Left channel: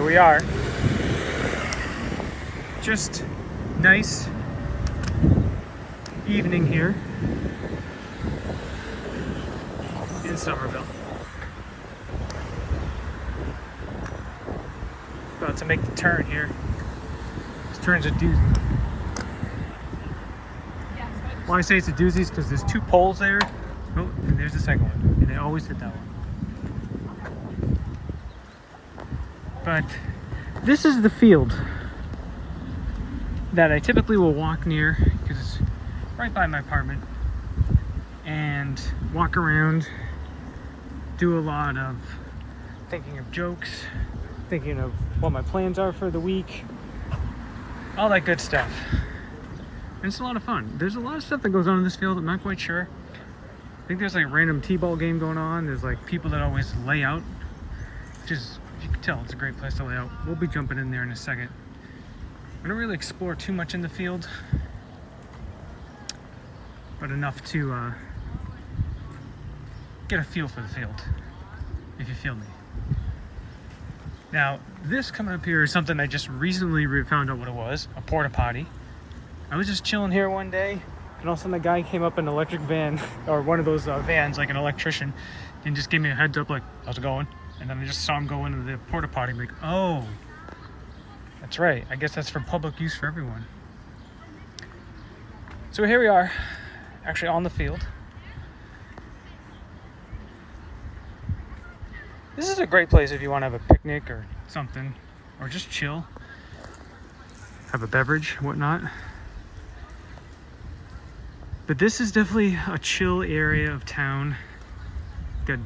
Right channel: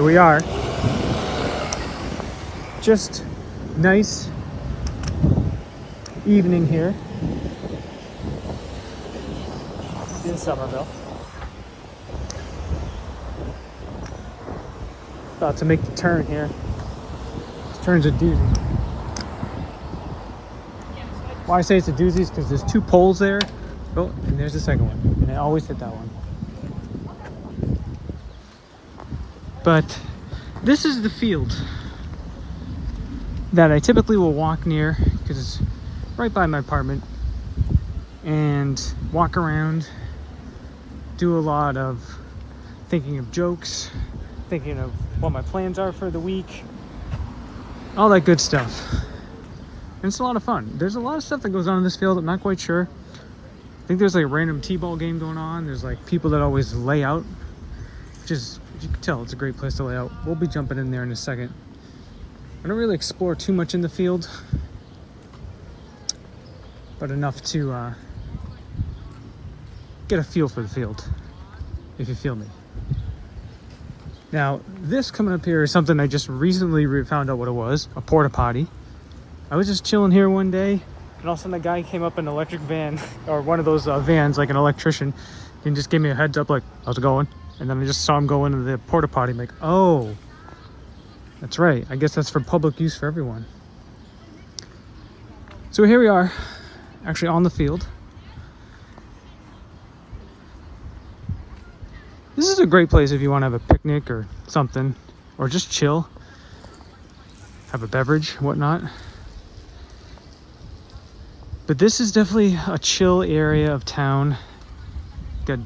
Here we are. Just nice evening here in Somerville. About to make the turn here. This turn's a doozy. Why I say it's a doozy is because there's two poles there. Oh, and there's the second one. And I always hit that one. But this is the field that I typically will walk near because it's right by my apartment, and walk around, do a lot of thinking of jokes, thinking of what my plans are for the week, all that good stuff. And it's a lot of fun. There's a lot of stuff that goes on in this field. I'm not quite sure. I think there's like a random t-ball game going on. There's like people that always lay out, which is, if you can tell, it's a great place to lay out. We'll be jumping in there in a second. I don't really explore too much in the field, but enough to get a feel for the field, if you feel me. Now, this coming up here is something I just recently found out what it was, a porta potty. I was just chilling here one day, and all of a sudden a guy came up in an electric van, or one of those vans, like an electrician, and just gave me a heads up like, how's it going? And then I just saw him go into the porta potty. I'm like, oh, that's right. I guess that's for public use for everyone. So here we are, actually on the field. This is a great place if you want to have a picnic or something, or just chill, have a beverage, whatnot. But this is definitely a chill area of town. Got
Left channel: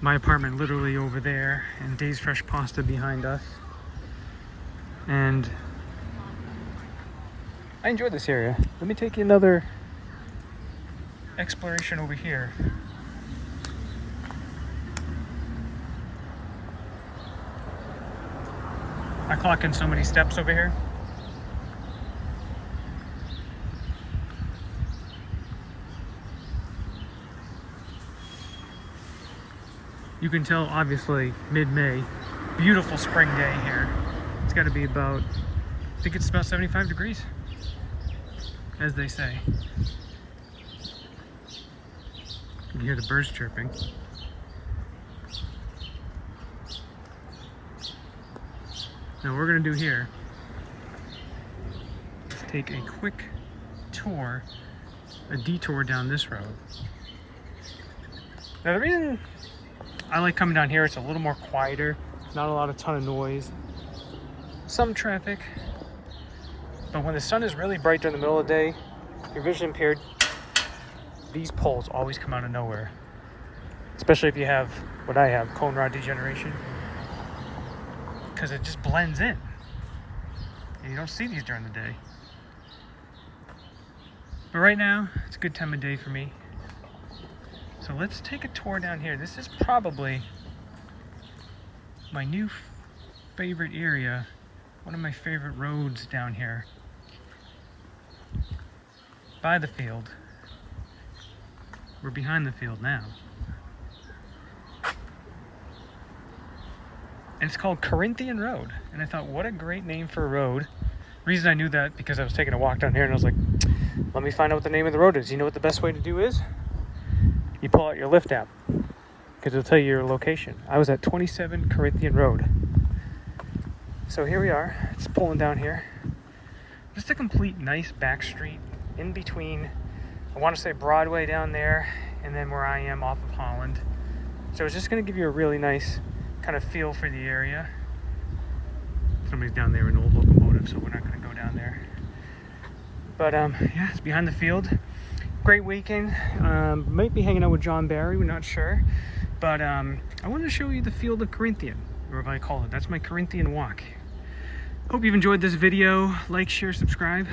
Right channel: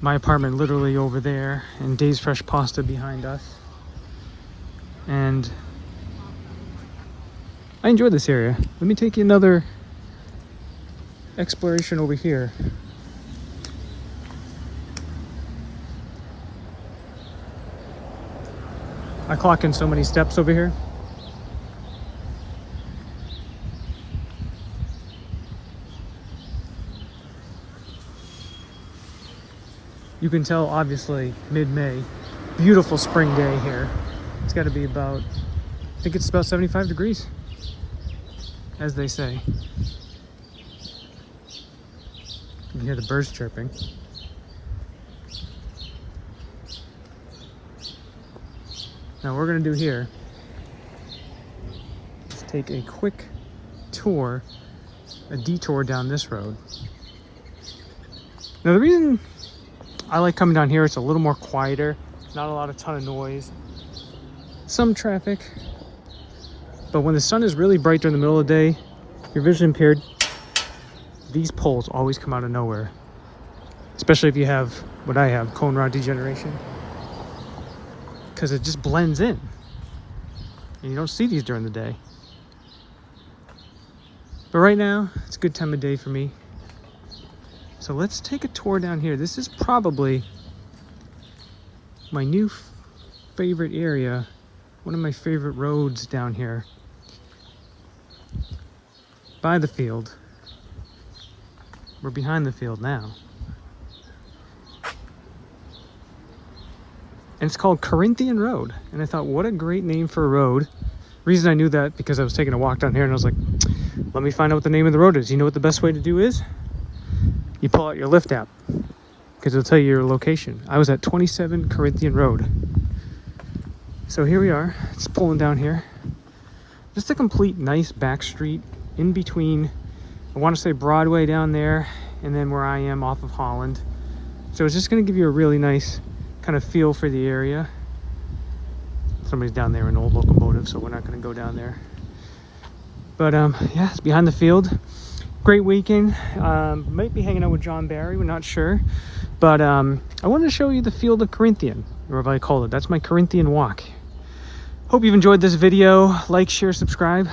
my apartment literally over there, and Dave's Fresh Pasta behind us. And I enjoy this area. Let me take you another exploration over here. I clock in so many steps over here. You can tell, obviously, mid-May. Beautiful spring day here. It's got to be about, I think it's about 75 degrees, as they say. You can hear the birds chirping. Now, what we're going to do here is take a quick tour, a detour down this road. Now, the reason I like coming down here, it's a little more quieter, not a lot of ton of noise, some traffic, but when the sun is really bright during the middle of the day, if you're vision impaired, these poles always come out of nowhere, especially if you have what I have, cone rod degeneration, because it just blends in and you don't see these during the day. But right now it's a good time of day for me. So let's take a tour down here. This is probably my new favorite area, one of my favorite roads down here by the field. We're behind the field now. And it's called Corinthian Road. And I thought, what a great name for a road. Reason I knew that, because I was taking a walk down here and I was like, let me find out what the name of the road is. You know what the best way to do is? You pull out your Lyft app, because it'll tell you your location. I was at 27 Corinthian Road. So here we are. It's pulling down here. Just a complete nice back street in between, I want to say Broadway down there, and then where I am off of Holland. So it's just going to give you a really nice kind of feel for the area. Somebody's down there in an old locomotive, so we're not going to go down there. But yeah, it's behind the field. Great weekend. Might be hanging out with John Barry, we're not sure. But I wanted to show you the field of Corinthian, or whatever I call it. That's my Corinthian walk. Hope you've enjoyed this video. Like, share, subscribe.